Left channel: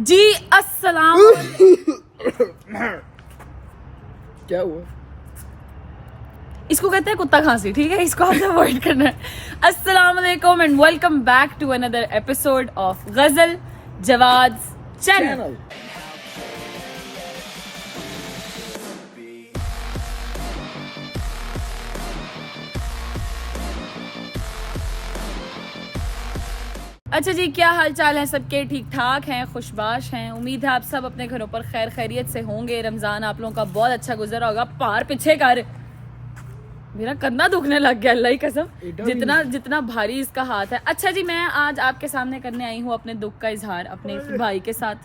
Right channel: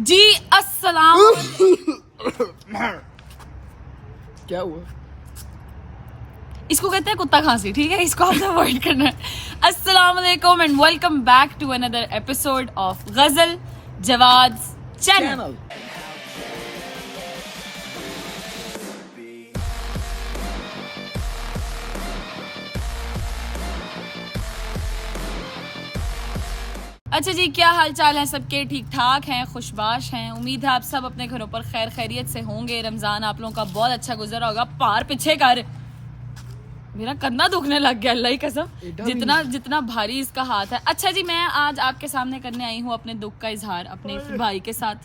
जी अस्सलाम। क्या हुआ? इसको कहते हैं कुत्ता खांसी, ठीक है, इसको आपने अवॉइड करना है। अस्सलाम वालेकुम and welcome back to another episode of Ghazal Jawad channel. अच्छा जी, क्या हाल चाल है सबके? ठीक ठाक हैं, खुशबाश हैं। उम्मीद है आप सब अपने घरों पर खैर खैरियत से होंगे। रमजान आप लोगों का बहुत अच्छा गुजरा होगा। पार पीछे कर, मेरा कंधा दुखने लग गया, अल्लाह की कसम, जितना भारी इसका हाथ है। अच्छा जी, मैं आज आपके सामने करने आई हूँ अपने दुख का इजहार अपने भाई के साथ।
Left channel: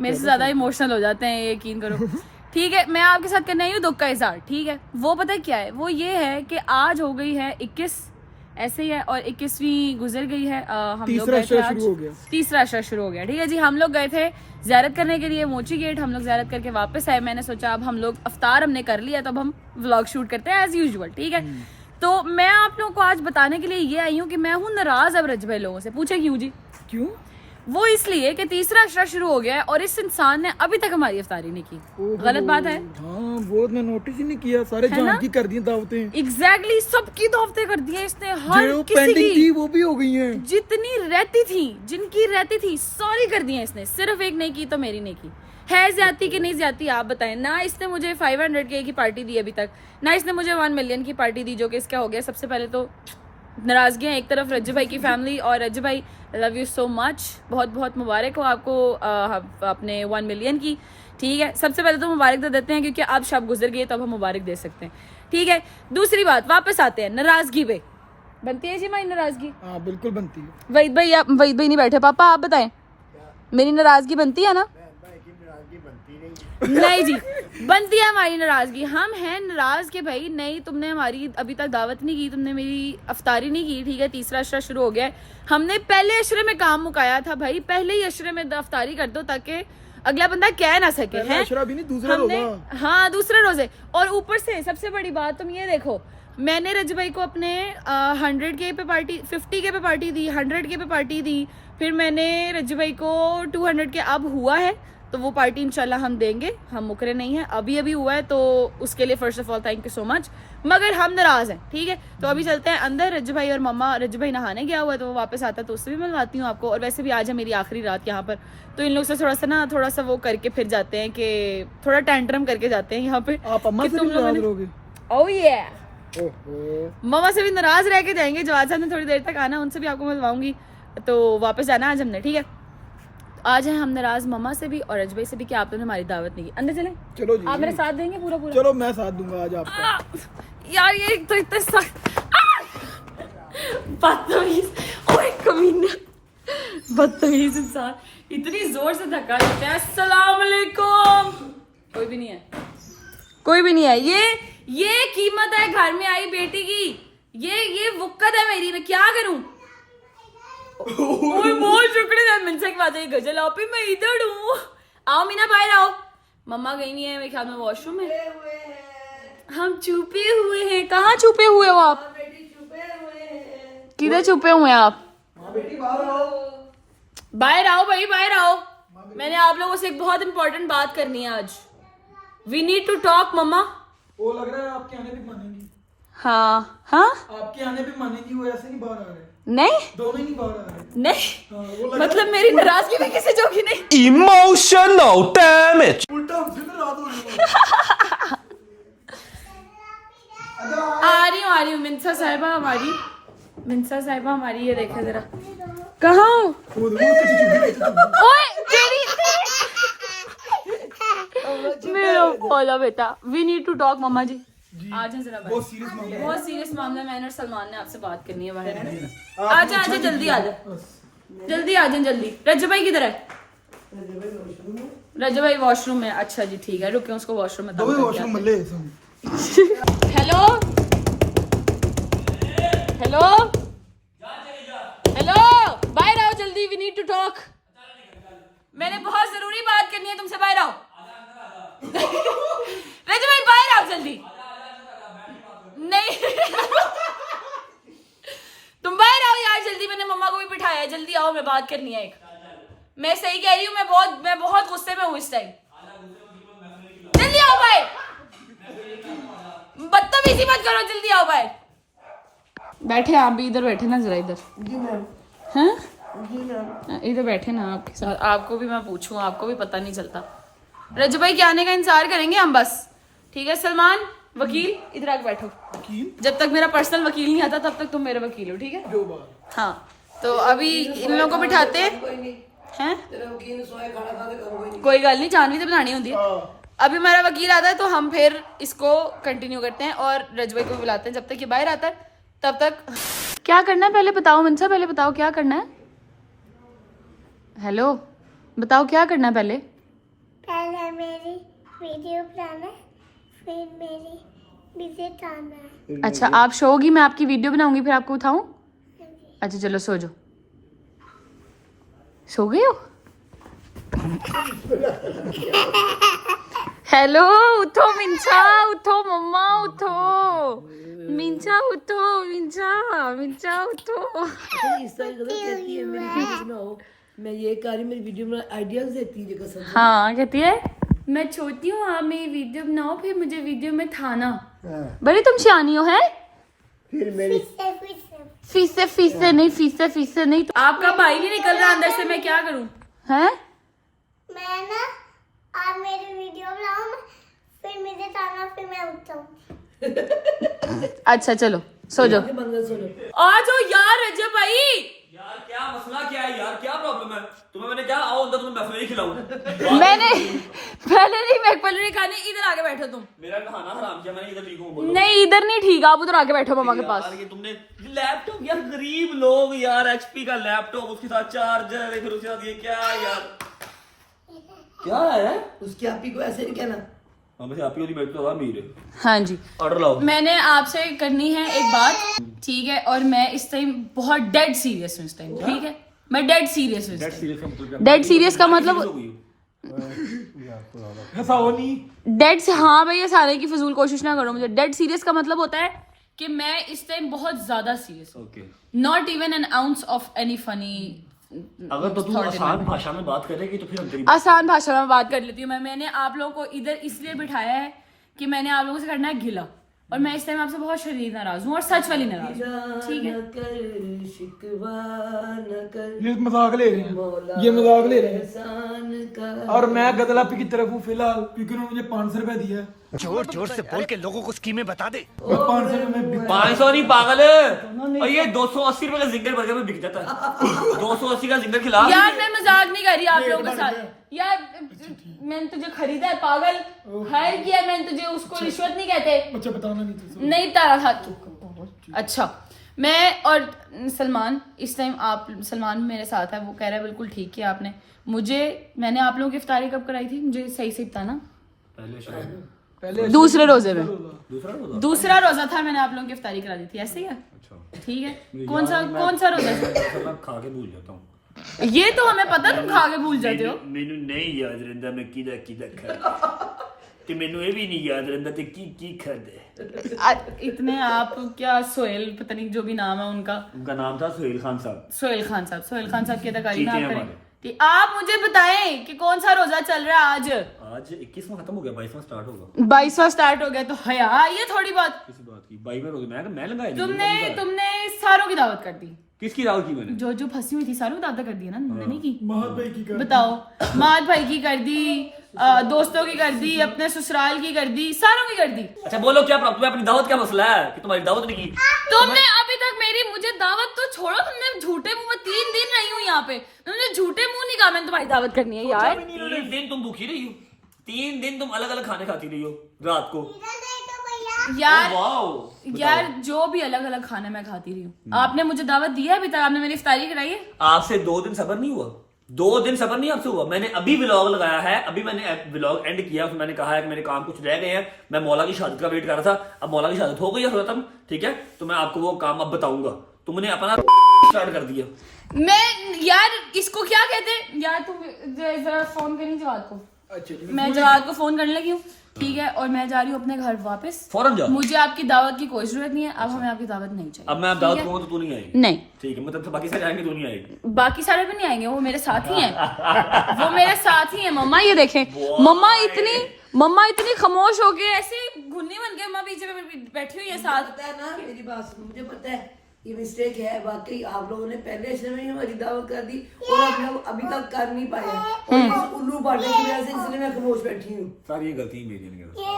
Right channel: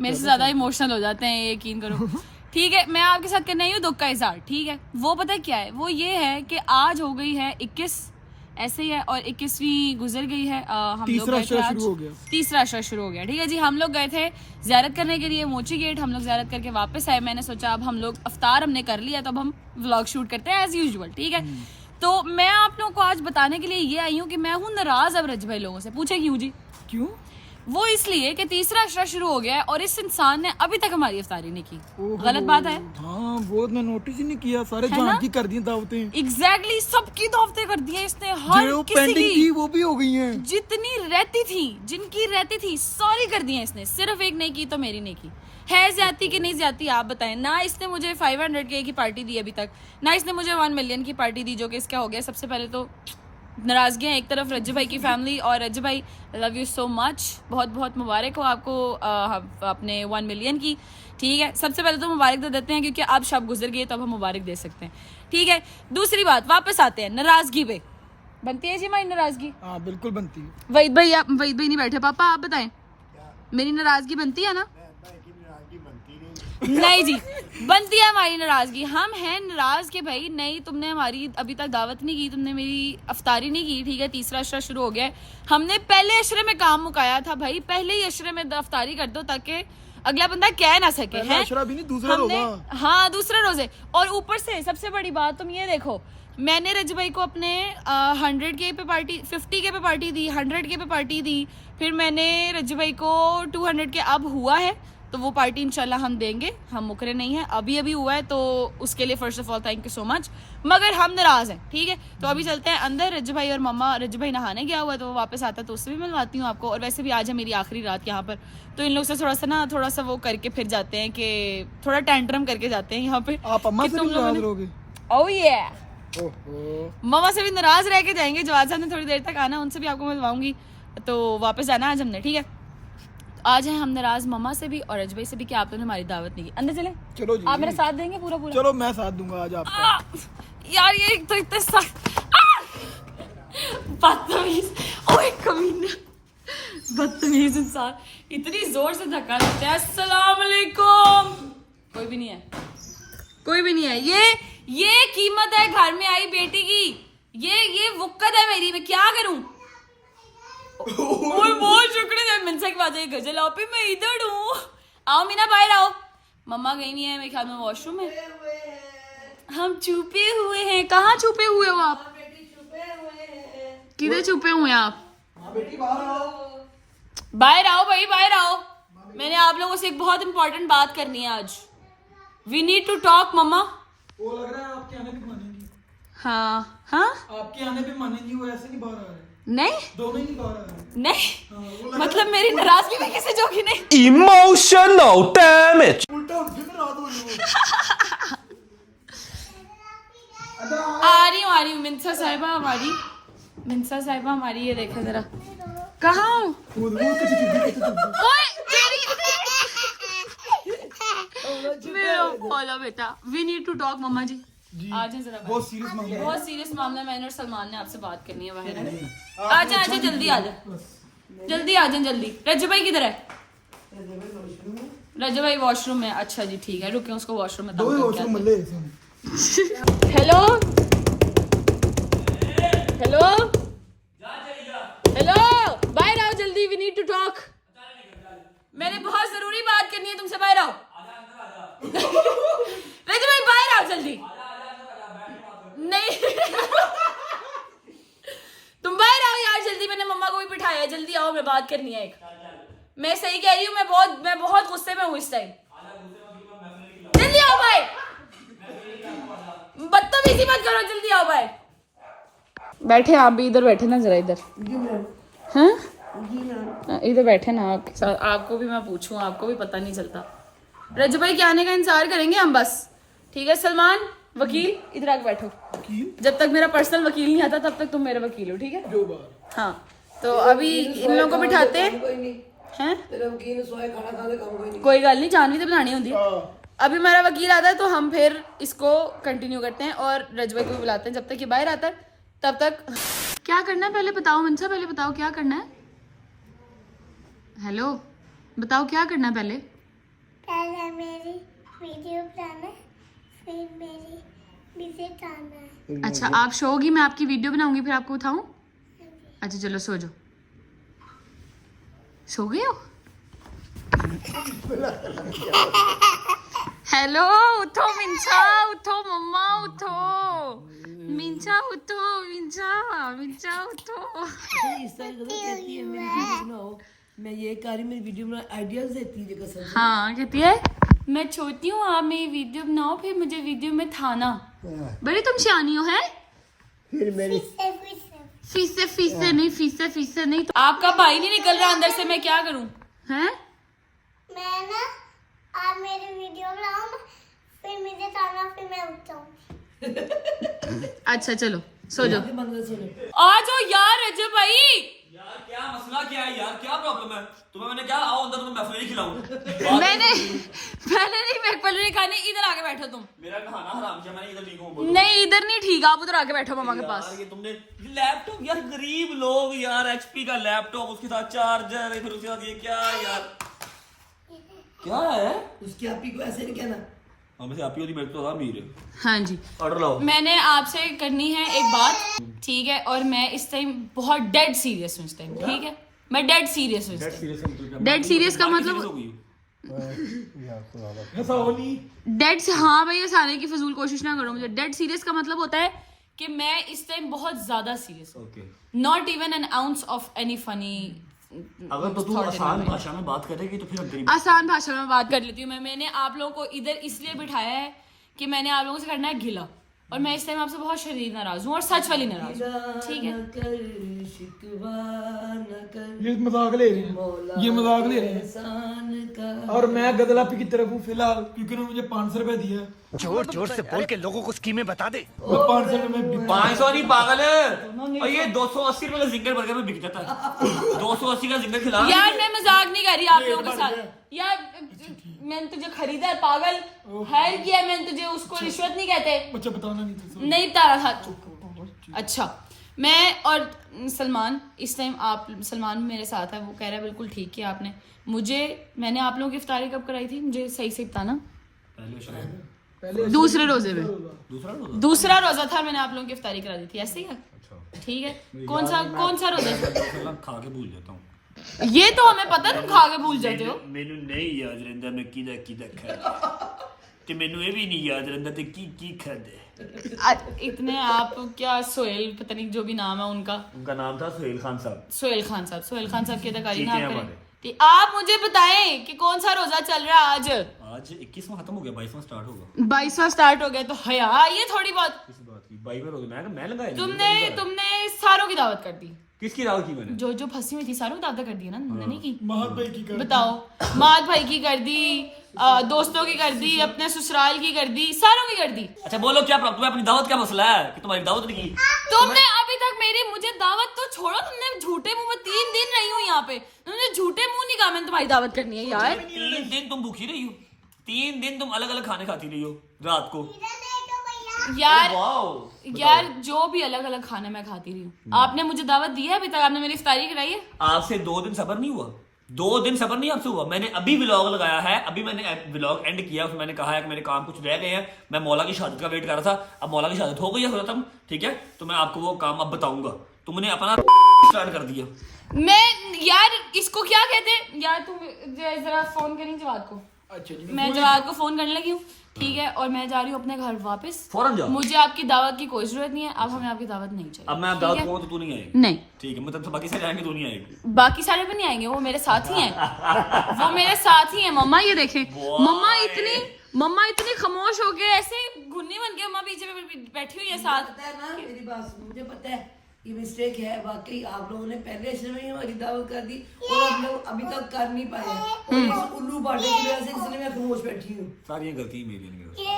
मेरे से ज्यादा इमोशनल हो जाते हैं, यकीन करो। ठीक है, मैं आपके साथ करने आई हूँ दुख का इजहार। ठीक है, वो पता है क्या है? वो ये है कि आज हो गई है 21, ऐसे ही है, और 21वीं गुजर गई है। हम लोग गए थे आज, तीसरा अशरा शुरू हो गया। ठीक है जी, हम लोग गए थे ज़ियारत करने के लिए मोची गेट। हम लोग ज़ियारत करके वापस आए। मैंने सोचा अब हम लोग अफ्तार हमने कर लिया, तो अब हम व्लॉग शूट करते हैं एज यूजुअल। ठीक है, तो मैं आप लोगों को आज बताने के लिए ये आई हूँ कि मैं हूँ नाराज अब रज भाई लोगों से। पूछे क्यों जी? क्यों? वो इसलिए कि तीसरा अशरा शुरू हो गया है और इस इंसान ने अभी तक हमारी अफ्तारी नहीं की। गलत बात है। हाँ, वो मैं नोटिस ही नहीं किया। सारे जान की कर दी दावतें। एग्जैक्टली, सबकी दावतें कर दी है इसने। हर जो किसी पेंडिंग की थी वो भी हो गई हैं। जितनी रहती थी, जिनकी रहती थी, सारी कर दी है इसने। सिर्फ एक नहीं की तो मेरी नहीं की। है ज्यादती कि नहीं ज्यादती आप बताएं ना। इसने मुझे 500K की पार्टी दी अभी तक, ना इसने मुझे 1 मिलियन की पार्टी दी, जो कि इसका हो गया। सबसे पहले तो नाराजगी है एक तरफ रज्जू भाई की फैमिली, और रज्जू भाई लव यू सो मच, बहुत बहुत मुबारक हो आपको अपने 1 मिलियन की। ठीक है, सबसे पहले तो मुबारक दे देते हैं क्योंकि अब शब गुजर गई, तो अब हम मुबारक दे सकते हैं। ठीक है, दूसरी बात, वापस आते हैं नाराजगी पे। बनती है जी हमारी नाराजगी? हाँ, बिल्कुल बनती है। वहीद भाई नहीं बैठे। पापा आप बताएं, मेरी नाराजगी बनती है ना? नहीं जी, बनती है हमारी नाराजगी। हम हैं नाराज के भाई, नहीं तुमने हमारी अभी तक दावत नहीं की, तुमने मेरी अफ्तारी नहीं की। ठीक है, तीसरा अशरा शुरू हो गया है। हमने पहले अशरे में काम मुकाया था भाई, पहले ही अशरे में अफ्तारी कर दो ताकि अगला बंदा कह ना सके है। अशरा भी नहीं, दूसरा रोजा। हाँ, दूसरे रोजे। और ऊपर से सबसे बड़ी बात तुम ये देखो, मैंने रज भाई को अपने 100K पे पार्टी, 50K पे पार्टी दी, 100K पे पार्टी दी। फिर मैंने रज भाई को 200K अब हुआ है, तो वो पार्टी इंशाल्लाह हम देंगे। हम मुकरे नहीं हैं, अभी अभी हुआ है, तो उसके लिए first of all thank you so much. मगर हम नाराज हैं। ठीक है, तो अभी चलते हैं अंदर। रज भाई और मम्मा, रज भाई नहाने गया हुआ है, तो वो वापस आता है तो उससे भी मिलवाती हूँ आपको। और वैसे भी आज है मेरी आखिरी रात यहाँ पर, तो इन लोग से थोड़ा सा वो करके फिर जाते हैं कि थोड़ा टेंट्रम करके जाते हैं यहाँ पे। आप अम्मा से भी नाराज रहोगे? ओह ये ओहो, मामा से भी नाराज रह के जाएंगे। जवाद साहब ने थोड़ी देर तक आना, उनसे भी आपको मिलवाऊंगी, तो वापस जाना आज हमने। ठीक है, आज है हम नाराज मम्मा से भी और अजबई से भी कि आप लोगों ने हमारी दावत नहीं की। अंदर चलें? चलो जी, आप मेरा साथ देंगे पूरा पूरा? चलो मैं साथ दूंगा आज आपका। यार ये एक तो इतना बदतमीज, ओए कमीना, बदतमीज इंसान, इतनी जोर से धक्का देते हैं। अस्सलाम वालेकुम। कोई भी नहीं है, कोई भी नहीं है। ये कीमत है घर में आई बेटी की, ये वुक्कत है मेरी, मैं क्या करूं? ओए बहुत शुक्रिया मिनसा की बात है। गजल आप ही, मैं इधर हूँ। आओ मीना, बाहर आओ। मम्मा गई नहीं है, मेरे ख्याल में वॉशरूम में। हम छुपे हुए हैं। कहाँ छुपे हुए हो आप? किधर छुपे हुए हैं आप? बाहर आओ भाई, बाहर आओ। मैंने आप लोगों से एक बहुत इंपॉर्टेंट बात करनी है आज। वी नीड टू टॉक मम्मा। वो लग रहा है आपके आने भी मानेंगी। हाँ हाँ, आपके आने भी मानेंगी, वो ऐसे नहीं बाहर आ रहे। नहीं दोनों ही नहीं बाहर आ रहे। नहीं, मतलब मेरी नाराजगी में किसी जोगी नहीं। Emotional damage. उल्टा उनसे तो रात हो रही आ रही हूँ मिनसा साहिबा हमारी, मिनसा साहिबा हमारी। ये देखो जरा, कहाँ हो? ओए तेरी मेरा बोला बेटा, वी नीड टू टॉक मम्मा जी। आ जाए जरा, बहुत सीरियस मामला है। बहुत सीरियस मामला। मैंने और सलमान ने आपसे बात करनी है बाहर। आ जाए जल्दी आ जाए, जल्दी आ जाए जल्दी। रज्जू भाई किधर है? रज्जू भाई वॉशरूम में। अच्छा जी ठीक है, रुके उसको वॉशरूम में तंग करके आते हैं। हेलो हेलो हेलो, बाहर आओ जल्दी, वी नीड टू टॉक। मैंने बहुत जरूरी बात करनी है तुमसे, बाहर आओ। रज्जू भाई बाहर आओ जल्दी। नहीं तुम बाहर आओ यार जल्दी, मैंने मम्मा को भी बिठाया है, जल्दी आओ, मैं बात करनी है एक। मैं सही कह रही हूँ, मैं बहुत गुस्से में हूँ इस टाइम। जल्दी आओ भाई, बदतमीजी मत करो, जल्दी आओ भाई। बैठे आप भी, इधर बैठे ना जरा, इधर। हैं इधर बैठे ना आपके साथ, आपको भी मैं पूछूं, आपको भी पता नहीं चलता। रजू भाई के आने का इंतजार करेंगे हम बस, ठीक है। सलमान वकील इधर आके बैठो, जब तक मेरा पर्सनल वकील नहीं आता तब तक तुम मेरे वकील हो, ठीक है। जो बात हाँ, तो अभी इन लोगों को बिठाते हैं। कोई गल नहीं, जानवी तो बनानी होती है। अभी हमारा वकील आता है तो हम फिर इसको कंटिन्यू करते हैं और रजवाई को भी बुलाते हैं। जब तक ये बाहर आता है तब तक क्या करना है पहले बताओ मनसा, पहले बताओ क्या करना है। हेलो, बताओ क्या करना है पहले। पहले मेरी वीडियो बनाना, फिर मेरी विजिट आना है। अच्छा, आप शो होगी, मैं आपकी वीडियो बनाऊंगी, फिर आपको उठाऊं। अच्छा चलो सो जाओ। सो गए हो? हेलो, उठो मिंचा, उठो मम्मा, उठो मिंचा, उठो मिंचा, मिंचा उठो। इस तरह कहती है मेरी वीडियो बनाओ, मैं ये कह रही मेरी वीडियो बना आइडियाज देती है कसम से। हाँ कहती है मैं छोटी हूँ, आप मेरी वीडियो बनाओ, फिर मुझे वीडियो में थाना। बड़ी तुम सियानी हो है। फीसे नहीं। आपका भाई नहीं निकल रहा अंदर से, मैं क्या करूँ हैं। मैं ना, आप मेरी वीडियो बनाओ, फिर मुझे आना, फिर मैं उठाऊं। अच्छा चलो सो जाओ, बंद कर, सो जाओ। आ जाओ यार रजब भाई। यार क्या मसला क्या है यार, क्या प्रॉब्लम है तुम्हें? मैंने क्या आओ अंदर, तुम्हें महफिल खिलाऊं। मैंने पहले नहीं मैकपल नहीं खाने, इधर आके बैठो तुम। मेरा खाना हराम किया मैंने, इधर ठीक हूं। नहीं इधर नहीं ठीक, आप उधर आके बैठो मम्मा के पास। यार ये तुमने लैपटॉप, यार गरीब लोग यार, एचपी का लैपटॉप, उसके साथ चार्जर है, फिर उसके साथ ये क्या यार, क्या है उसकी आपी को ऐसे नहीं कहना। हमें आप ही बैठ तो अमीर है। हाँ जी, ऑर्डर लाओ। मैंने आपसे करनी है एक बात, ठीक है। और मैं इस टाइम बहुत डेड सीरियस हूँ इस टाइम, ठीक है। मैं डेड सीरियस हूँ। डेड सीरियस का मतलब हंसाओ नहीं। डेड से, हाँ भाई हंसाने की फजूल कोशिश ना करो मुझे। डेड सीरियस का मतलब होता है कि मैं इस टाइम बहुत ज्यादा सीरियस हूँ। Not even an ounce of any funny. अगर तो तू आसान भाषा में बात करेगी तो फिर हम तेरी आसान भाषा में बात कर लेती हूँ। मैंने आप लोगों को इधर इसलिए बिठाया है कि मैंने आप लोगों से करना है गिला, और मैं इस टाइम आपसे बहुत शदीद नाराज हूँ और सच वाली नाराज हूँ, ठीक है। ये मजाक ले रहे हैं, ये मजाक ले रहे हैं। और मैं गदलापी की तरफ हूँ फिलहाल, क्योंकि उन्होंने मुझे 500 रुपए दिया। जोर जोर से बोल के लोगों को स्कीमें बता दे। मैं 500 रुपए में 500 नहीं पागल है, और ये 280 रुपए का जिंगर बर्गर में बिक जाता है। 280 का जिंगर खिला। यार मैं मजाक नहीं कर रही आप लोगों के साथ। यार मैंने तुझे खरीदा है पागल, हायर किया है मैंने तुझे, उसको रिश्वत नहीं कहते। अच्छा बताना नहीं था। नहीं तारा था। अच्छा, मैं और सलमान इस टाइम, आप सलमान मेरे साथ है, वो कह रहा है बिल्कुल ठीक किया आपने मुझे। मैंने आप लोगों की इफ्तारी कब कराई थी, मुझे सही से बताना। दूसरे रोजे में, दूसरा रोजा था, मैंने आप लोगों की इफ्तारी करा दी थी, ऐसे ही है, ठीक है। कौन सा रोजा था? खा के भूल जाता हूँ। ये तो हमें पता, तुम खा के भूल जाते हो। मैनू नहीं याद रहता मैं किदा खाया ते मैनू ये भी नहीं याद रहता ते की खादा। इतने आप क्या, सोहेल पता नहीं जो भी नाम है उनका नाम था सोहेल खान साहब। सोहेल खान साहब की अदाकारी ना आप करें। आप मुझे बताएं कि कौन सा रोजा चल रहा है आज? आज 21वां खत्म हो गया, 22वां स्टार्ट होगा। 22वां स्टार्ट हो गया, तो हया ये थोड़ी बात। किस बात की 22वां रोजा? मैं लगाया। तुमने सारों की दावत कर दी। किसकी दावत की मैंने? जो फंसी हुई थी सारों की दावत कर दी ना, नहीं की। महत भाई की कर। बताओ, माद भाई की कर दी, दोस्तों की कर दी, अपने ससुराल की कर दी, सारों की कर दी। अच्छा बोलो क्या प्रॉब्लम है? अपनी दावत क्या मसला है कि तुम्हारी दावत नहीं की? तुमने अभी तक मेरी, मुझे दावत तो छोड़ो, तुमने झूठे मुंह में 3 दिन रही हूँ यहाँ पे, तुमने झूठे मुंह नहीं कहा मैंने तुम्हारी दावत करनी है यार। 3 दिन तुम भूखी रही हो, 3 दिन तुम अलग अलग खाने खाती रही हो रात को। यार वाओ यार जो भी अलग अलग खाने मैं खाती रही हूँ, आपने मुझे दावत दी है अभी तक? आपने मेरी इफ्तारी कराई है? आपसे 2 दिन सबर नहीं हुआ? 2 दिन सबर नहीं आपसे हुआ? मैंने अभी व्लॉग लगाया है, अभी मैंने व्लॉग एंड किया, उसमें मैंने कहा है कि मेरे काम कुछ रह गए हैं, मैं मौला की शहादत का वेट कर रहा था। अब मौला की शहादत हो गई है खत्म, ठीक है, तो मैं आपको वो काम अब बताऊंगा। तुमने अपना स्टार्ट कर दिया। मैं यार इसको क्या कहते हैं यार, तुम जरा फोन करी जवाब को। अच्छा जी, मैं जवाब को फोन करने लगी हूँ, ठीक है, और मैं जा रही हूँ अपने घर वापस। फौरन जाओ। मुझे आपकी दावत की कोई जरूरत नहीं है, अब हमें आपकी दावत नहीं चाहिए। अब मैं दावत दूंगा तो तू नहीं आएगी? नहीं, ठीक है, मतलब तो बाकी सारे आएंगे, तू नहीं आएगी। बाकी सारे भी नहीं आएंगे, वो मेरे साथ ही हैं। वो मेरे साथ ही हैं मम्मा, ये देखें। मम्मा इतनी खामोश हो गई, ऐसे घुन्नी बन के मम्मा पीछे बैठी हुई है साथ। पता है ना मेरी बात सुन, मुझे पता है ये मिस्टेक है वाकई। आप लोगों ने पहले शुरू में हमारी दावत कर दी और हम लोग अभी तक कर नहीं पाए और इस उल्लू बाटे की वजह से इसलिए मैं खामोश बैठी हूँ। सारी गलती मेरी नहीं है, ये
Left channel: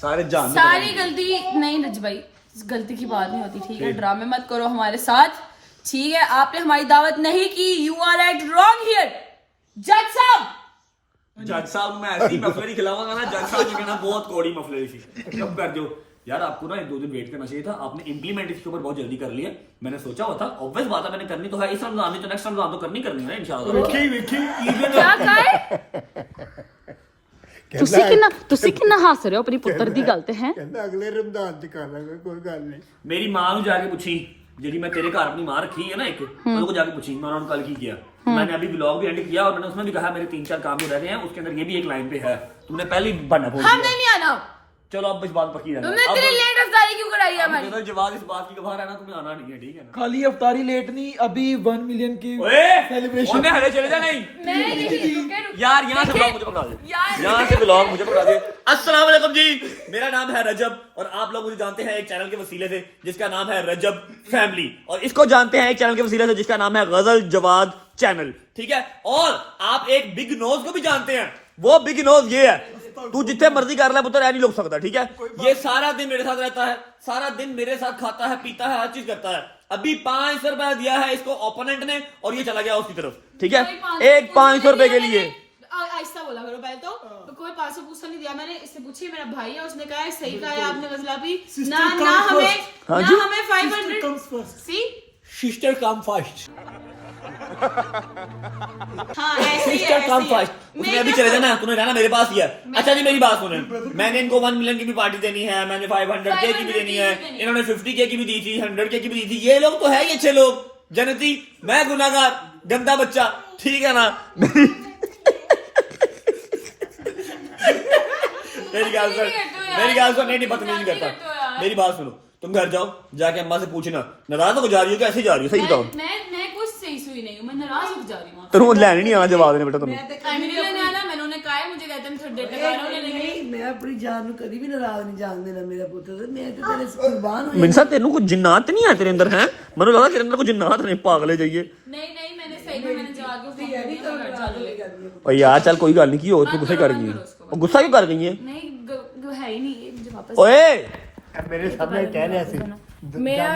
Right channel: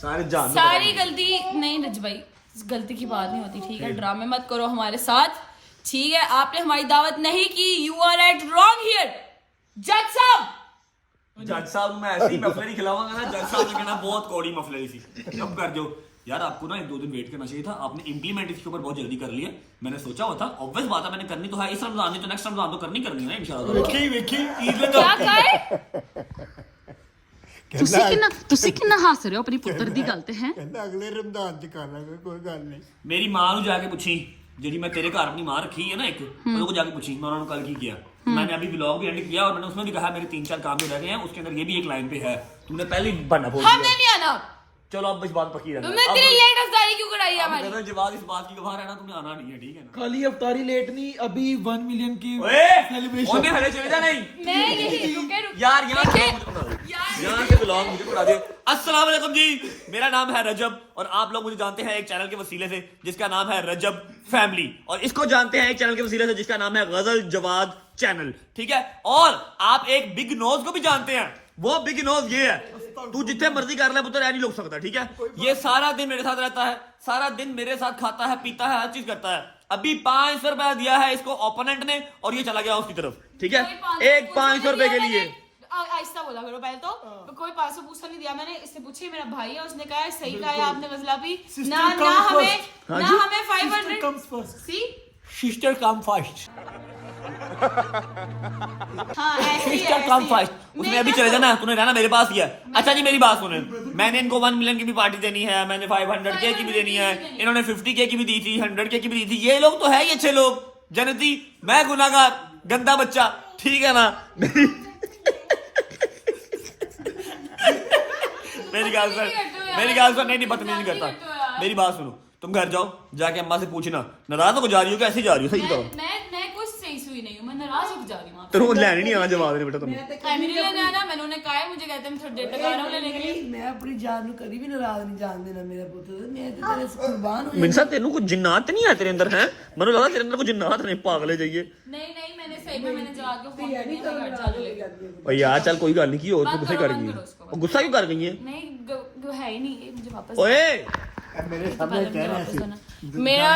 सारे जान सारी गलती नहीं रज भाई, गलती की बात नहीं होती, ठीक है। ड्रामे मत करो हमारे साथ, ठीक है। आपने हमारी दावत नहीं की, you are at wrong here जज साहब। जज साहब मैं ऐसी मफलरी खिलाऊंगा ना, जज साहब ने कहना बहुत कौड़ी मफलरी थी, कब कर दो यार। आपको ना 1-2 दिन वेट करना चाहिए था, आपने इंप्लीमेंट इसके ऊपर बहुत जल्दी कर लिया। मैंने सोचा हुआ था, ऑब्वियस बात है, मैंने करनी तो है इस रमजान नहीं तो नेक्स्ट रमजान तो करनी है ना इंशाल्लाह। ਵੇਖੀ क्या कहे ਤੁਸੀਂ ਕਿੰਨਾ ਹੱਸ ਰਹੇ ਹੋ ਆਪਣੀ ਪੁੱਤਰ ਦੀ ਗੱਲ ਤੇ ਹੈ। ਕਹਿੰਦਾ ਅਗਲੇ ਰਮਜ਼ਾਨ ਚ ਕਰ ਲਾਂਗੇ ਕੋਈ ਗੱਲ ਨਹੀਂ। मेरी मां ਨੂੰ ਜਾ ਕੇ ਪੁੱਛੀ, ਜਿਹੜੀ मैं तेरे घर अपनी मां रखी है ना एक, उनको जाके पूछी मैं उन्होंने कल की किया। मैंने अभी व्लॉग भी एंड किया और मैंने उसमें भी कहा मेरे 3-4 काम जो रह गए हैं, उसके अंदर ये भी एक लाइन पे है, तुमने पहले ही बना बोल हमने नहीं आना, चलो अब इस बात पक्की रहना। तुमने इतनी लेट अफ्तारी क्यों कराई है हमारी? अब जवाब इस बात की गवाह रहना, तुम्हें आना नहीं है, ठीक है ना। खाली अफ्तारी लेट नहीं, अभी 1 मिलियन की ओए सेलिब्रेशन। उन्हें हले चले जा नहीं मैं यही रुके यार, यहाँ से ब्लॉग मुझे पकड़ा दे, यहाँ से ब्लॉग मुझे पकड़ा दे। अस्सलाम वालेकुम जी, मेरा नाम है रजब और आप लोग मुझे जानते हैं एक चैनल के वसीले से जिसका नाम है रजब फैमिली, और इसको जानते हैं एक चैनल के वसीले से जिसका नाम है गजल जवाद चैनल, ठीक है। और आप एक बिग नोज को भी जानते हैं, वो बिग नोज ये है, तू जितने मर्जी कर ले पुत्र, नहीं लुक सकता, ठीक है। ये सारा दिन मेरे साथ रहता है, सारा दिन मेरे साथ खाता है, पीता है, हर चीज करता है। अभी 500 रुपया दिया है इसको ओपोनेंट ने और ये चला गया उसकी तरफ, ठीक है। एक 500 रुपए के लिए आहिस्ता बोला करो पहले तो कोई 500 पूछा नहीं दिया मैंने, इससे पूछी मेरा भाई है, उसने कहा है सही कहा है आपने गजला भी ना हमें 500 सी सिस्टर कम फर्स्ट, हाँ ऐसे ही सिस्टर कम फर्स्ट। उसने अभी चले जाना, तुम्हें रहना मेरे पास ही है। अच्छा जी मेरी बात सुने, मैंने इनको 1 मिलियन की भी पार्टी देनी है, मैंने 500K की भी देनी है, इन्होंने 50K की भी दी थी, 100K की भी दी थी। ये लोग तो है ही अच्छे लोग, जनती, मैं गुनाहगार गंदा बच्चा, ठीक है ना। मेरी गाल सुन, नहीं बदतमीजी करता, मेरी बात सुनो, तुम घर जाओ, जाके अम्मा से पूछना नाराज हो जा रही हो, कैसे जा रही हो, सही बताओ। मैं कुछ सही सुई नहीं हूँ, मैं नाराज हो जा रही हूँ। तेरे लेने नहीं आना जवाब देने बेटा तुम्हें। मेरे लेने आना, मैंने उन्हें कहा है मुझे कहते हैं थोड़ी देर तक आ रहा हूँ लेने के लिए। मैं अपनी जान ਨੂੰ कभी भी नाराज नहीं जान देना मेरा पुत्र, मैं तो तेरे से कुर्बान हो मिनसा तेनू कुछ जिन्नात नहीं है तेरे अंदर, है मैंने लगा तेरे अंदर कुछ जिन्नात नहीं, पागले जाइए। नहीं मैंने सही में मैंने जवाब को फोन कर दिया, मैं घर जाने लगी। और यार चल कोई गल नहीं की, और तू गुस्सा कर गई है, और गुस्सा क्यों कर गई है? नहीं है ही नहीं ये, मुझे वापस ओए मेरे सामने कह रहे थे मेरा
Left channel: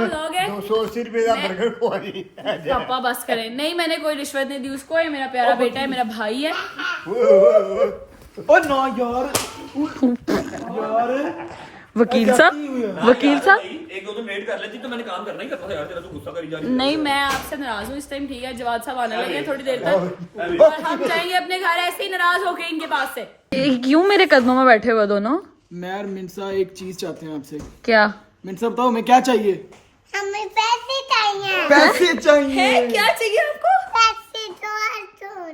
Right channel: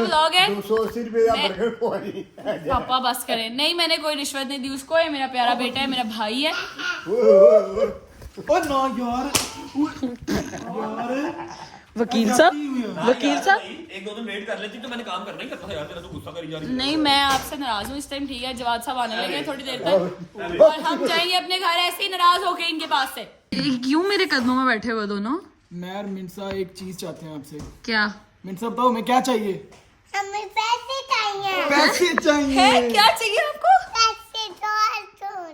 व्लॉग है, 280 रुपए का बर्गर खुआई। पापा बस करें। नहीं मैंने कोई रिश्वत नहीं दी उसको, ये मेरा प्यारा बेटा है, मेरा भाई है। ओ ना यार वकील साहब 1-2 दिन लेट कर लेती तो मैंने काम करना ही करता था यार, तेरा तो गुस्सा करी जा रही है। नहीं मैं आपसे नाराज हूँ इस टाइम, ठीक है। जवाब साहब आने लगे हैं थोड़ी देर तक और हम जाएंगे अपने घर ऐसे ही नाराज होके इनके पास से। क्यों मेरे कदमों में बैठे हुए दोनों? मैं और मिनसा एक चीज चाहते हैं आपसे। क्या? मिनसा बताओ हमें क्या चाहिए? हमें पैसे चाहिए। पैसे चाहिए। क्या चाहिए आपको?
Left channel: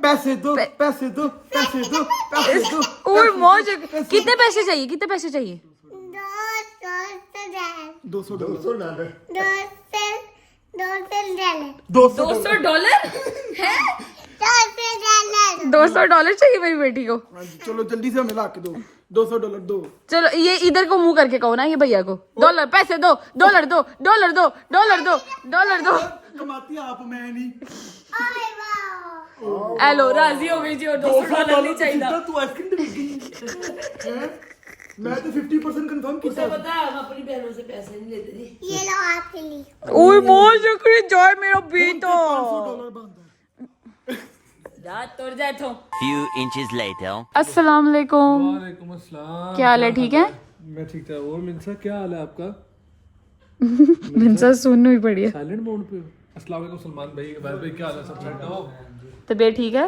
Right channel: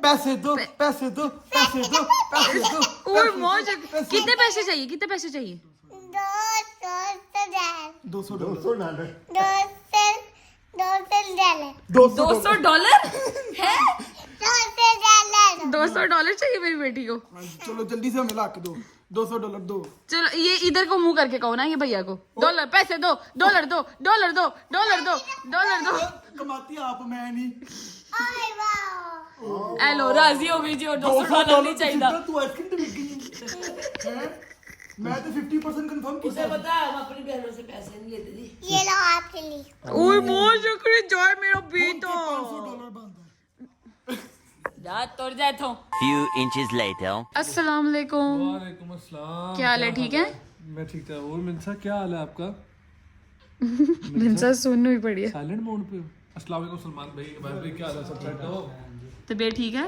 पैसे दो पैसे दो पैसे दो पैसे दो। और मौज, कितने पैसे चाहिए? 200 $200 है? $200 चाहिए मेरी बेटी को। चलो जल्दी से हमें ला के दो, $200 दो। चलो ये इधर को मुंह करके कहो ना ये भैया को, डॉलर पैसे दो, $2 दो, $2 दो, $2 दो, $2 दो। कमाती आप, मैं नहीं। हेलो राजी हो गई जी, और $200 नहीं चाहिए। तू आइसक्रीम दे दी। मैं तो 50% कंफर्म किया। पता है हम अपनी बहनों से पैसे नहीं लेते जी। ये लो आपके लिए। ओए बहुत शुक्रिया जॉय मेरा बेटा। $500 बंद है। जा तोड़ जाए तो। Few inches later. अस्सलाम वालेकुम। वालेकुम अस्सलाम। क्या हाल है? ठीक है? मैं ठीक था। और मिनसा क्या हाल है आपका? मिनसा सुननी पड़ी है। साइलेंट मोड पे। अस्सलाम वालेकुम सलमान भाई, अवैध भाई, क्या हाल है? सब ठीक है? तबीयत ठीक है?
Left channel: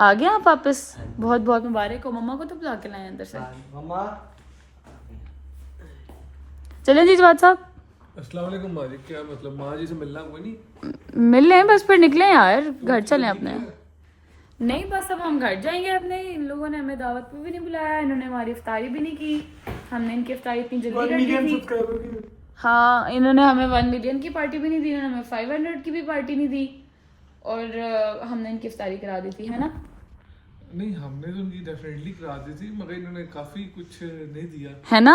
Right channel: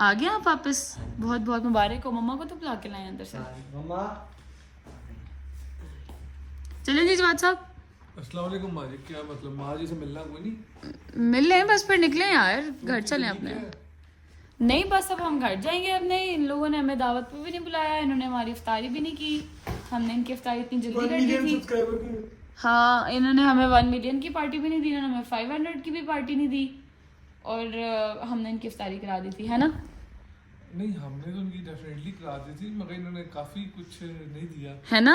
आ गए आप वापस? बहुत बहुत मुबारक हो। मम्मा को तो बुला के लाए अंदर से। चलें जी जवाब साहब। अस्सलाम वालेकुम माँ जी, क्या मतलब माँ जी से मिलना कोई नहीं? मिल रहे हैं बस, फिर निकले यार, घर चलें अपने। नहीं बस अब हम घर जाएंगे अपने। इन लोगों ने हमें दावत पे भी नहीं बुलाया, इन्होंने हमारी इफ्तारी भी नहीं की। हमने इनकी इफ्तारी इतनी जल्दी कर दी थी। हाँ, इन्होंने हमें 1 मिलियन की पार्टी भी नहीं दी, इन्होंने हमें 500 की भी पार्टी नहीं दी, और हमने इनकी इफ्तारी करा दी थी, है ना? नहीं, हमने तो उनकी डेफिनेटली करा दी थी, मगर इन्होंने काफी कुछ नहीं दिया। है ना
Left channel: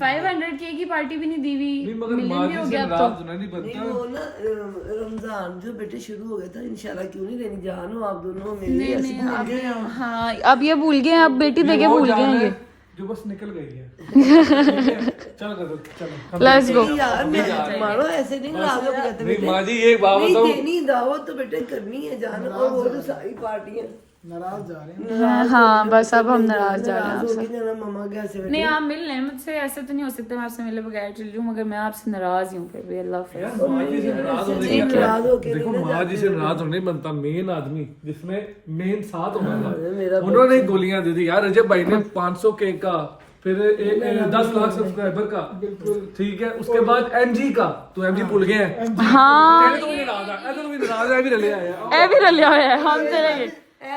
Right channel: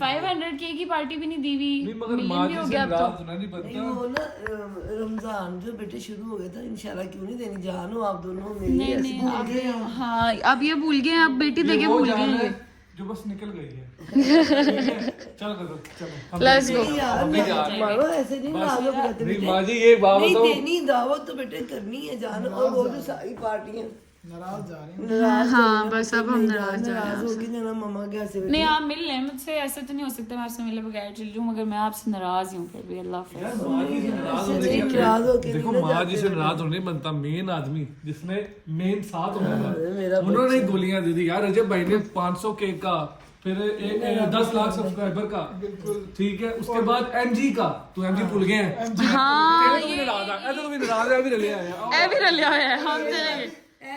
500 की पार्टी भी नहीं दी हुई, नहीं, मगर मिलियन भी हो गया अब तो। नहीं बनता। वो ना रमजान जो बेटे शुरू हो गया था, इंशाल्लाह क्यों नहीं देनी जान हो आप दोनों मेरी। नहीं अब हाँ अब ये भूल गए, अब बेटी देके भूल गए हैं जो बस निकल गई है। चल चलो लेट्स गो। मानो ऐसे नहीं नहीं माँ जी, एक बात नहीं बताओ, देनी दावत तो बेटे करनी है जान, और वो तो सारी पार्टियां नाराज जा रहे हैं। हाँ बस अब हम नाराज जा रहे हैं आपसे। होगी ना मम्मा घर से। नहीं आप मिल लें मुझसे, ऐसे तो नहीं हो सकता मैं आपसे मिले बगैर चल रही हूँ, मगर मैं आपसे नाराज हूँ फिर भी। अल्लाह हाफिज़। नाराज होके देखो माँ जी से नाराज होने बनता मेन आदमी जिसने मेन साथ होना था, उन्होंने ही गोलियां दे दी यार। रजब भाई ने 500 के का, फिर 10 लाख सब्सक्राइबर का, ठीक है, उसके बाद एमजी का, तो एमजी भूल गए हैं। हाँ भी नाराज है, ऐसे तो भी नाराज है, भी रले आया ए भी रलिया हुआ है, हम चलेंगे।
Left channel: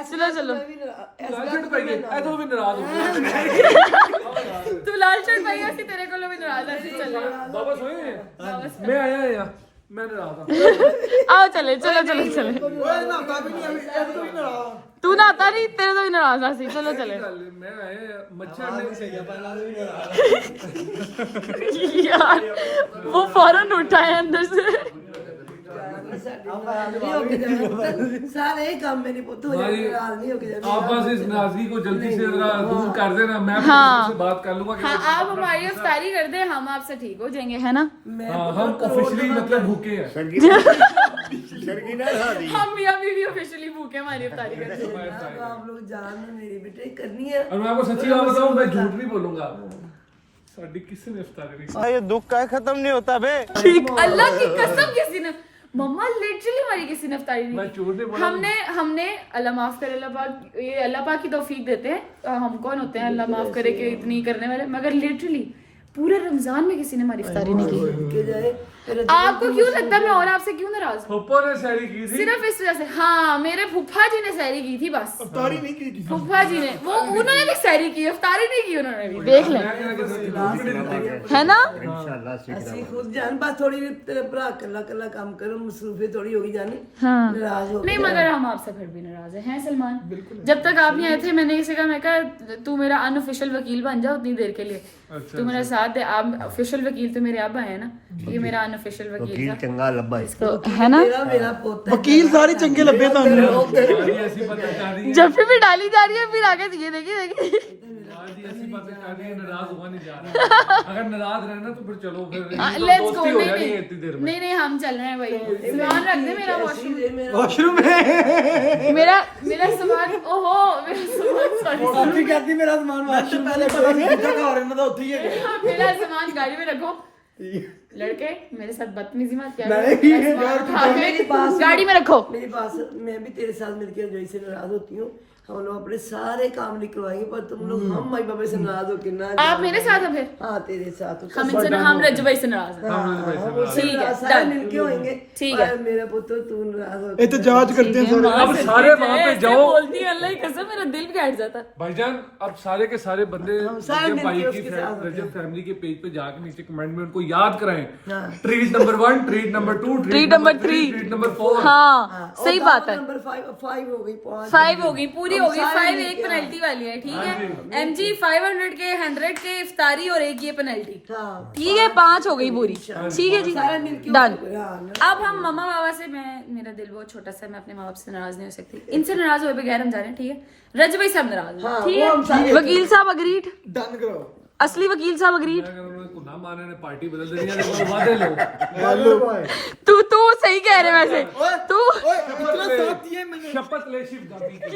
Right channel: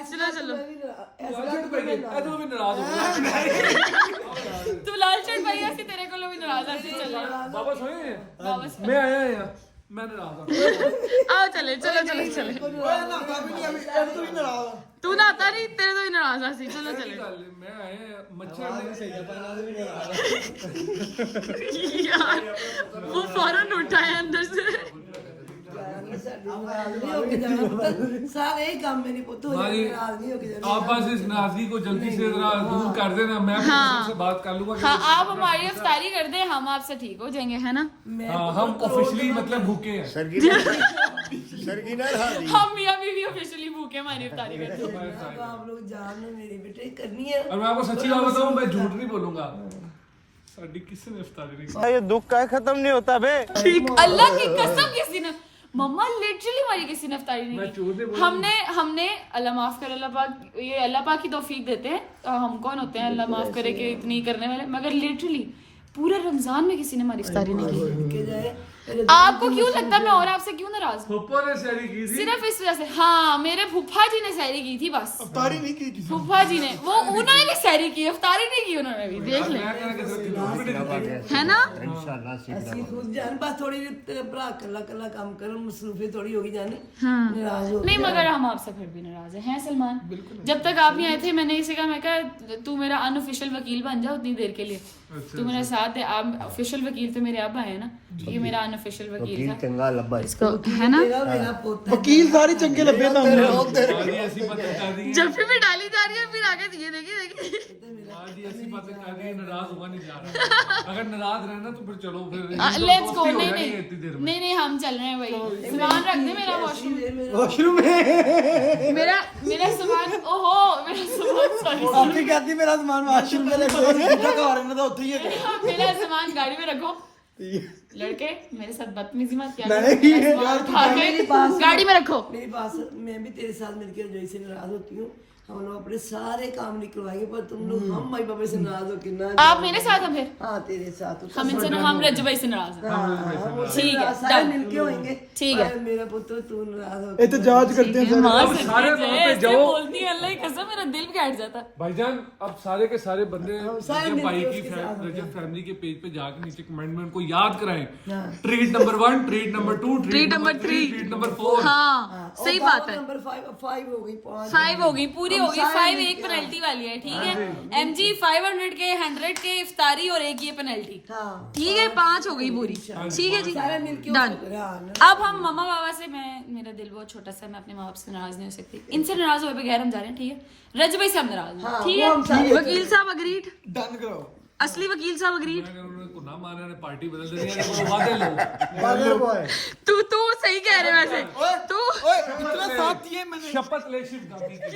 चलो चलो लालचट पाइए, ऐसे तो भी नाराज हो गया। तू लाल शर्ट पाई ऐसी तेरे को भी नाराज ऐसी चलो बाबा सोए वापस मैं आया यहाँ, मैं नाराज हूँ। आओ चले चलो चलो चलो। ओए नाता भी नहीं अभी ऐसे तो भी नाराज। तू ना आता नहीं, तेरे तो भी नाराज ऐसी। चलो चले मैं आया मच्छर ने यार वो फौरन उठा है अंदर से। सारे काम मेरी पुत हो जाए, नाराज नहीं होके जाए। आप बस इस नाराजगी को जल्दी से जरा दूर कर देना, मैं हाँ। से बात कर लूंगा। हाँ आप हमारी इफ्तारी कर दे, हम आपसे ठीक हो जाएंगे, है ना? हाँ, हम ऑफिशियली मतलब भूखे हैं। सरगी ना खा दी। हम मियां बीवी ऑफिशियली भूखे हमारी इफ्तारी करते हैं। अब आप लोग जान लो मेरे बेटे करनी है। और मैं आपको सच्ची बात बताऊं, मैं झूठ नहीं बोलूंगा, साडी किसी ने इफ्तारी नहीं की। ये दुख का खत्म नहीं होता बे। ठीक, अल्लाह की कसम किसी ने, मम्मा लिटरली हमारी किसी ने इफ्तारी नहीं मैं की। झूठ नहीं बोला। हमने अल्लाह माफ करे, अल्लाह पाक, ये अल्लाह पाक की तौफीक देते हैं। हम कौन होते हैं अल्लाह माफ करे कि इतनी करने वाले, मगर लिटरली पूरे रमजान में किसी ने हमारी इफ्तारी नहीं की। के जाए आपको क्यों लगता है मैं और आपसे क्यों नाराज हूँ? फुप्पो ने सहरी की थी। सिर्फ इस वजह से। हाँ मेरे फूफा जी ने सहरी की थी बस। इफ्तारी नहीं की किसी फूफा जी ने, वो उन्होंने भी सहरी की, इफ्तारी नहीं की उन्होंने भी, देख लें, है ना? इंशाल्लाह सीख ਅਸੀਂ खुद जान बस थोड़ी तेरे भरा कल्ला कल्ला काम करो, मसरूफी थोड़ी होगी जानी। हाँ नाराज हो नहीं, मगर हम आपसे फिर भी नाराज हैं सलमान। जब तक आप नहीं आए थे मैंने इसे कहा, मैं कहा तू मेरा अनऑफिशियल वकील बन जा उतनी देर के लिए, तू मेरा साथ दे। आप ऑफिशियल वकील तो मेरे अब आए हैं ना, ये मेरा अनऑफिशियल वकील था, चंगा लब्बा इसको है ना? मेरा पोता वकील सारी चंगे लगे तो आज ऐसी बातें कर रही है, जब भी डाली जा रही है फिर आगे दिए देखिए देखिए। आज ऐसी बातें कर रही है, नाराज हुआ नहीं जा रहा। अगर नाराज रहना तो फिर चलो, फिर लेट्स गो। दोस्ती हो नहीं जाएगी इतनी देर में। नहीं हम चल रहे हैं भाई, सामान रख दे मेरा वॉशरूम, वॉशरूम में मेरा सामान, ओहो मेरा सामान, सॉरी काफी कहती मेरा सामान वॉशरूम में नहीं पता नहीं कितना घर है ना, तो उठी है। मेरा सामान गाड़ी में रखो। लड़के मेरे साथ बदतमीजी मत किया नहीं, करो, मेरा सामान उठा के गाड़ी में रखो। मेरी पास मैं भी तेरे साथ मिलकर जो से नाराज होती हूँ। हम लोग अपने सारे काम निकलवाएंगे, पर तुम लोग हम माई बाबा से नाराज होकर ना। आप मेरे साथ हैं फिर? हाँ तेरे साथ हम रज्जू भाई से नाराज हैं। ठीक है सारे डन, मिलके होंगे। ठीक है। और मेरा पुत्र तू नाराज हो एहतजाज करते हैं अब सारे वहाँ पे ऐसे जाओ। बोलती है, अल्लाह की कसम मेरा दिल भी बैठ जाता। भाईजान अब सारे के सारे बंदे सारे रजब भाई मिलके की उसके साथ रजब फैमिली के पेज पे जाके नीचे कमेंट में उनको याद कराएं, treat number 1, treat number 2, treat number 3, treat number 4। हाँ सही बात है। नंबर 5 हो गई, 5 हो गई, पूरी हो गई। 5 एक पेनल्टी वाली है, ठीक है। एमजी 500 के 100 के इफ्तारी और एक ये पेनल्टी, ठीक है। 5 हो गई पूरी, ठीक है जी, डन। अब हम मम्मा बाबा से, मेरा दिल बहुत छोटा सा है, मैं अपने माँ बाप से नाराज नहीं हो सकती। इनसे नाराज हुए बगैर हम जा रहे हैं, ठीक है। रज भाई साहब नाराज हैं, ठीक है। वकील साहब अग्रीड, डन करो। असली वकील साहब अग्रीड। अगर उन्होंने ना माने ने पार्टी बदल देनी है तो वादे लो। तू सही कह रहे वैसे, तू इतना साथ दिए मैंने। शपथ ले शिव गांधी की।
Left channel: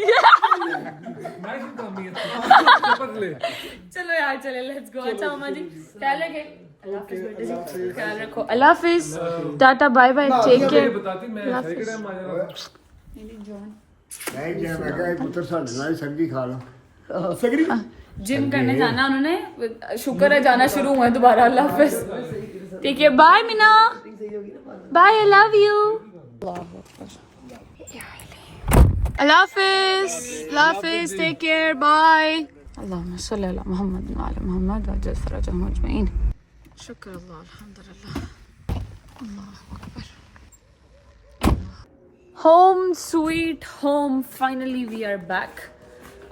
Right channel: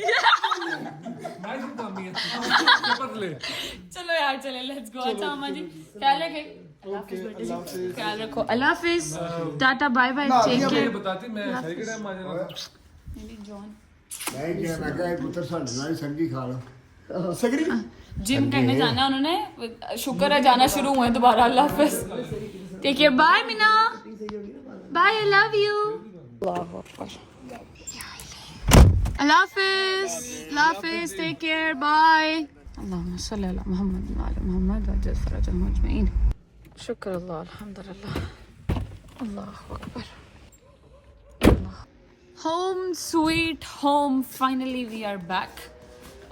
मैं शिव गांधी है, शपथ ले। चलो यार चले, लेट्स गो। अच्छा मामा जी ख्याल रखे, अल्लाह हाफिज़ बेटे जी, ख्याल रखो, अल्लाह हाफिज़, tata bye bye, take care. बताती मैं सही के टाइम आ जाना। मेरी जॉन नहीं क्या मैं कहा पुत्र साढ़े नाल सरगी खा लो। सगरी जिम करने जाना उन्होंने, शुक्र है जाना शुरू हुआ है दोबारा। अल्लाह हाफिज़, ठीक है, bye Meena, bye, I love you. अल्लाह हाफिज, टेक केयर, बाय। अल्लाहुम्मा सल्ली अला मुहम्मद व अला मुहम्मद व अज्जिल फरजहम अजमईन। शुक्र अल्लाह, अल्हम्दुलिल्लाह, अल्लाहु अकबर। Home sweet home, finally we are back.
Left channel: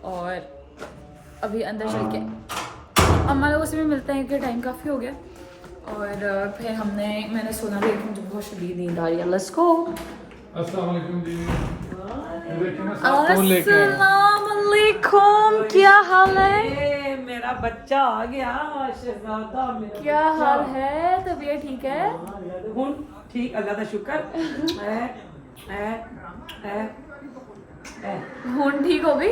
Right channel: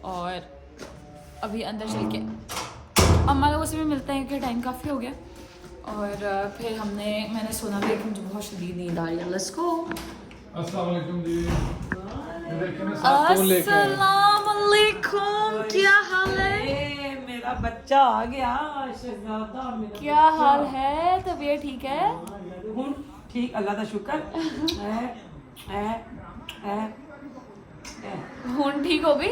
और अभी अंदर चल के अम्मा लोगों से भी मिलते हैं कि टाइम काफ़ी हो गया। और फिर मैंने सोना भी, मुझे बहुत शदीद नींद आ रही है। Let's go. अस्सलाम वालेकुम जी। अस्सलाम वालेकुम, क्या हाल है? ये मेरा बच्चा आ गया, शहजादा मेरा। क्या हाल है? तबीयत ठीक है? हुन ठीक, अल्लाह का शुक्र। खून ठीक हो गई?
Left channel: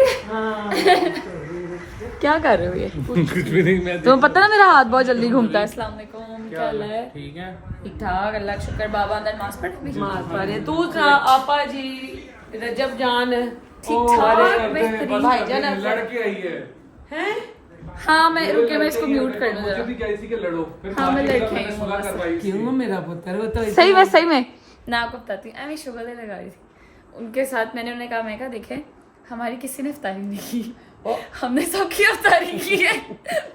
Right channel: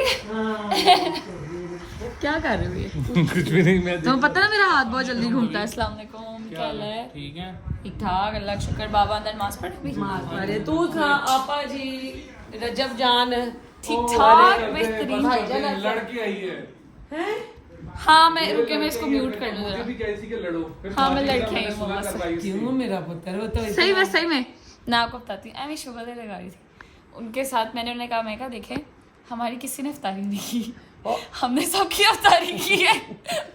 क्या कर रहे हो ये? कुछ भी नहीं, मैं तुम्हें पता ना मेरा हाथ बहुत जल्दी घूमता है। अस्सलाम वालेकुम, क्या हाल है? ठीक है। ठीक ठाक, अल्लाह का शुक्र। बाबा अंदर नमाज पढ़ भी? मार पड़े तू था आपा जी, रजब जान ठीक ठाक, बेहतरीन। लड़के आई है। हाँ मैं रुके, मैं इसको म्यूट कर लूँ जरा। भी कैसी के लड़ो। फिर हाँ, मैं मारेंगे, लड़की हमने हूँ सुलह मम्मा से। करवाई थी। क्यों मेरा पुत्र, वो तो सही में मैं आपको बताती हूँ। मैं शुगर लगा रही थी उनके साथ। मैंने उन्हें कहा, मैं कहा देखे हमारी किसी ने इफ्तारी नहीं की, हमने सबकी इफ्तारी की है,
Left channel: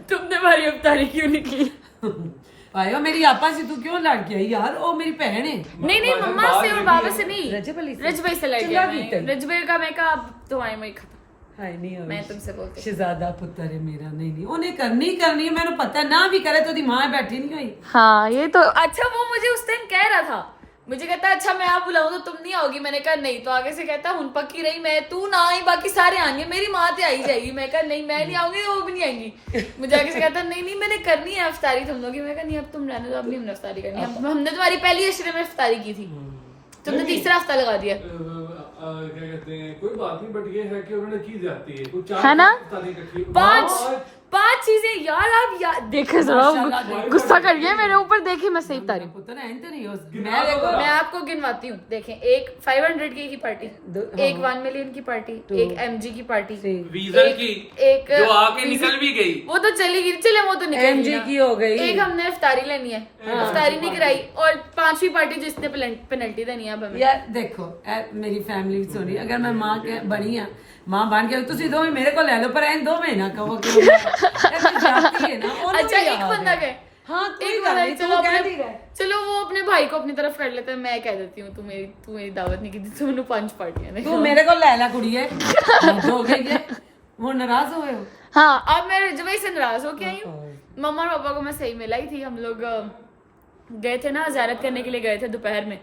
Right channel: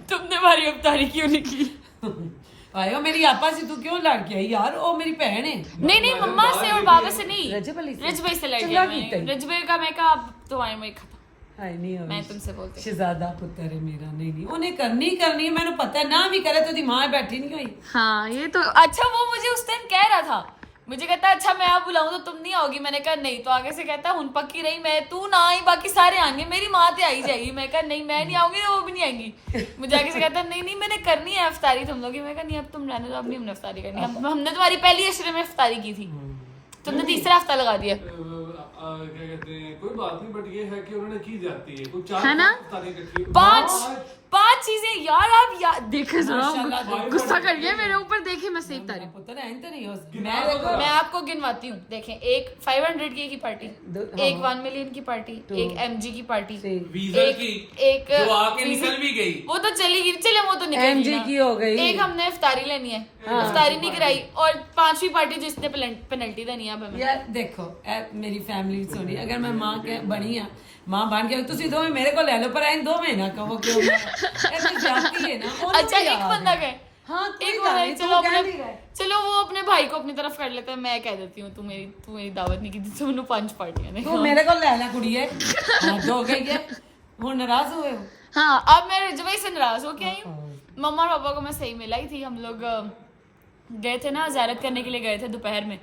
तुमने हमारी इफ्तारी क्यों नहीं की? आयो मेरी आपा से तू क्यों लड़ गया यार? ओ मेरी बहन है। नहीं मम्मा से और बाबा से नहीं, रजब अली से। रजबे से लड़ चिल्ला गया। की तन। रजबे का मैं कहा अब तो आए मैं खत्म। हाय नहीं हो मैं तुमसे बोलती हूँ। शहजादा पुत्र है मेरा। नहीं उन्हें करनी है, मैंने पता है ना भी करे तो दी माँ बैठी नहीं हुई। हाँ ये तो अच्छा, वो मुझे उस टाइम कह रहा था, मुझे कहता अच्छा मैं आप बुलाऊं तो तुम नहीं आओगी। मैंने कहा नहीं, तो आगे से कहता हुन पक्की रही, मैं तू ना आई बाकी सारे आएंगे, मेरी माँ तो आई जाएगी। मैं कहा नहीं मैं नहीं आऊंगी तो वो भी नहीं आएंगी। मुझे आगे से कहता नहीं मैंने करनी है इफ्तारी तुम लोग की। मैं कहा नहीं अब तुम रहने दो, अब नहीं हमने इफ्तारी करनी। हमने तुम्हारी पहली अशरे में इफ्तारी की थी, तुमने तीसरा हफ्ता लगा दिया। क्या कहते हैं, कोई बात नहीं, बट ये है कि उन्होंने की जाती है कुछ है ना? पांच पांच चीजें यार। आप देखे जरा, गुस्सा कर गया मेरे ऊपर। देखे मैं सही तारीफ, पुत्र है तो नहीं हो। मैं आपको गिनवाती हूँ। देखें, एक 500 की पार्टी, एक 1 मिलियन की पार्टी, एक MG की पार्टी, वीजा की एक जो आके निकल भी गई, वो तो चली गई, चले वो तो निकल MG की हो गई। एक हमने इफ्तारी लेनी है, इफ्तारी नहीं कराई। और 5वीं पार्टी जिसने पेनल्टी देनी है अब हमें। यार देखो मेरी फैमिली सोनी, अगर मैं माँ के बनी आ, माँ बन के तुसी दो मेरे को ले लो, पर इन 2 महीना कहो क्यों जाती है ना। अच्छा एक बंदा गए, हाँ एक बंदा, चलो वो अपने भाई को अपनी तरफ कर लेते हैं। मैं कह देती हूँ तू मेरी दावत नहीं की थी, तुमने 5 पार्टियां तू मेरे को ले ला कुड़िए, हो गई है वो नाराज हुए हो। हाँ अब मैं रजवाई से नाराज हो के आई हूँ। मम्मा और पापा को मैं सही मिलाई थी। हम लोग गए थे ना, ज़ियारत करने के लिए गए थे दोपहर में,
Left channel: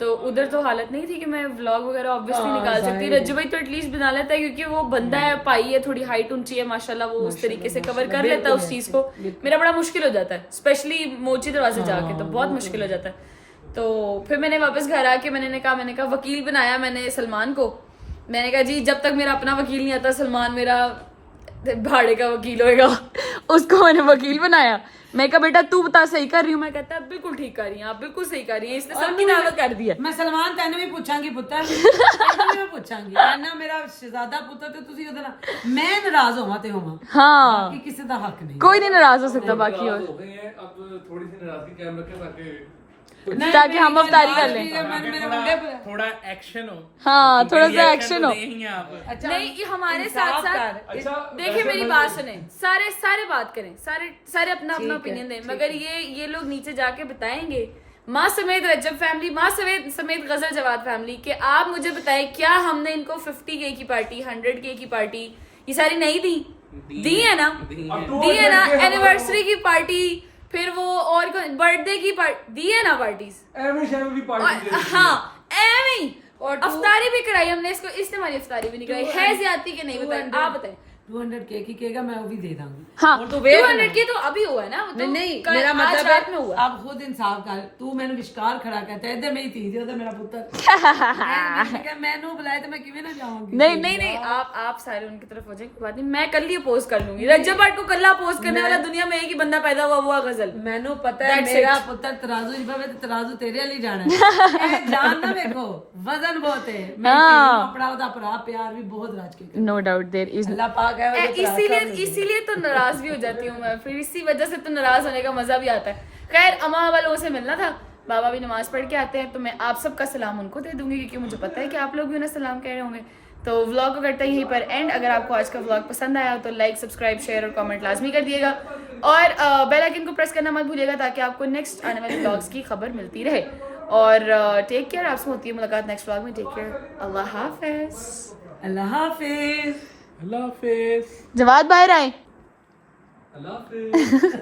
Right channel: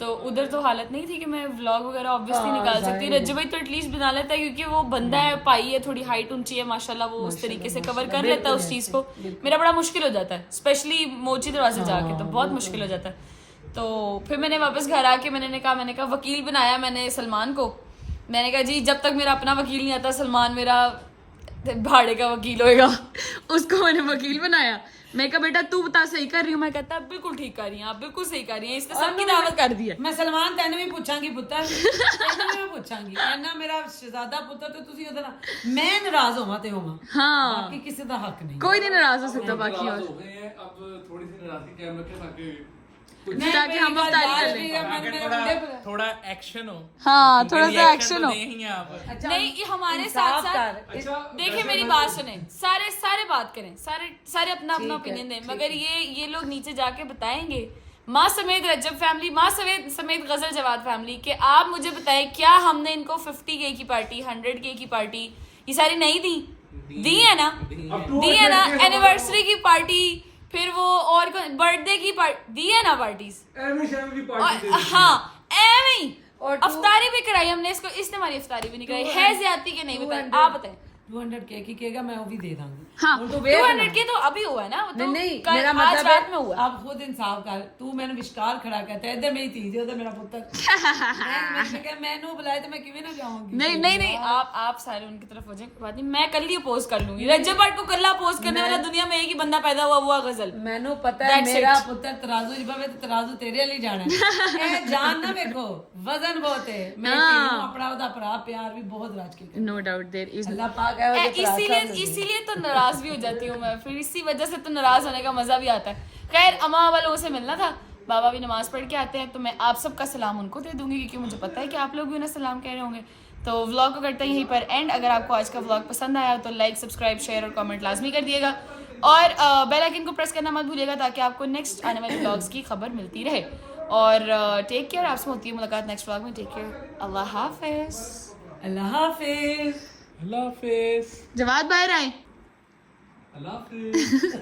तो उधर तो हालत नहीं थी कि मैं व्लॉग वगैरह ऑब्वियसली निकाल सकती। रज्जू तो एटलीस्ट बना लेता है क्योंकि वो बंदा है, पाई है, थोड़ी हाइट ऊंची है माशाल्लाह, वो उस तरीके से कवर कर लेता है उस चीज़ को। मेरा बड़ा मुश्किल हो जाता है, स्पेशली मोची दरवाजे जाके तो बहुत मुश्किल हो जाता है। तो फिर मैंने वापस घर आके मैंने कहा वकील बनाया मैंने सलमान को। मैंने कहा जी जब तक मेरा अपना वकील नहीं आता, सलमान मेरा भाड़े का वकील होएगा। उसको मैंने वकील बनाया। मैं कहा बेटा तू बता सही कर रही हूँ? मैं कहता है बिल्कुल ठीक कर रही हैं आप, बिल्कुल सही कर रही हैं। इसने सबकी दावत कर दी है। मैं सलमान तेन भी पूछांगी पुत्र, तेन भी पूछांगी ना मेरा शहजादा पुत्र तो तुसी ओदा मैं नाराज होवां ते होवां, हाँ बाकी किसी दा हक नहीं। कोई नहीं नाराज हो सकता बाकी। और हो गए हैं, अब थोड़ी सी नाराजगी कायम रखें ताकि ताकि हम अफ्तारी कर लें, थोड़ा एक्शन हो। हाँ थोड़ा सा एक्शन हो। अच्छा नहीं ये हमारे साथ साथ अच्छा देखिए मेरी बात सुने, सारे बात करें, सारे अपना ओपिनियन दें, मगर ये लोग नीचे जाके बताएंगे, माँ समेत रजब फैमिली, माँ समेत गजल जवाद फैमिली, कि आप मुझे बताएं क्या हमने इनको 50K की पार्टी, 100K की पार्टी ये सारी नहीं दी है ना, एनिवर्सरी की पार्टी, फिर वो और बर्थडे की पार्टी दी है ना, पार्टीज हाँ एवं अफ्तारी भी कराई हमने इसको, इसने हमारी अफ्तारी भी नहीं कराई है। ज्यादती के नहीं बताए, आप बताएं। 200K की केगा मैं वो भी दे दूंगी। हाँ 200K तो अभी हुआ है ना, वो तो नहीं कल मेरा आज मतलब रात में हुआ। आप खुद इंसाफ कर, तू मैंने विश्कार खड़ा कहता है इधर मेरी तीज उधर मेरा पुत्र मैंने बुलाया तो मैं किवें ना जाऊंगी। नहीं आप सारे उनकी तरफ हो जाए, बात नहीं, मैं कल ही अपोज कर लूंगी। रज्जब भट्ट को कल अपोज करने वाला दुनिया में एक ही बंदा पैदा हुआ गजल। मैनू पता है मेरा पुत्र तराजू जिबा में तराजू तेरे लिए जाना है जान ना मेरे को वजन बहुत है। मैं अपना ओदा भरा प्यार भी बहुत राज के नो डाउट देयर इज, अल्लाह पाक है इसीलिए तो नाराज भी हो जाती हूँ मैं, फिर इसी वजह से तो नाराज होने का मजा भी आता है। खैर अम्मा बाबा लोगों से मिलना था, बाबा भी नमाज पढ़ के आते हैं, तो मैं आप सबका सलाम उनको दे दूंगी क्योंकि मुझे पता है कि आप लोग भी उन्हें सलाम कह रहे होंगे। तो व्लॉग को करते हैं यहीं पर एंड। अगर आपको आज का व्लॉग पसंद आया तो लाइक, सब्सक्राइब, शेयर और कमेंट लाजमी कर दिएगा और बेल आइकन को प्रेस करना मत भूलिएगा ताकि आपको नेक्स्ट आने वाले व्लॉग्स की खबर मिलती रहे। और टेक केयर, आपसे होती है मुलाकात नेक्स्ट व्लॉग में। टेक केयर, अल्लाह हाफिज। अल्लाह हाफिज। अल्लाह हाफिज। जवाद बाहर आए। अल्लाह हाफिज।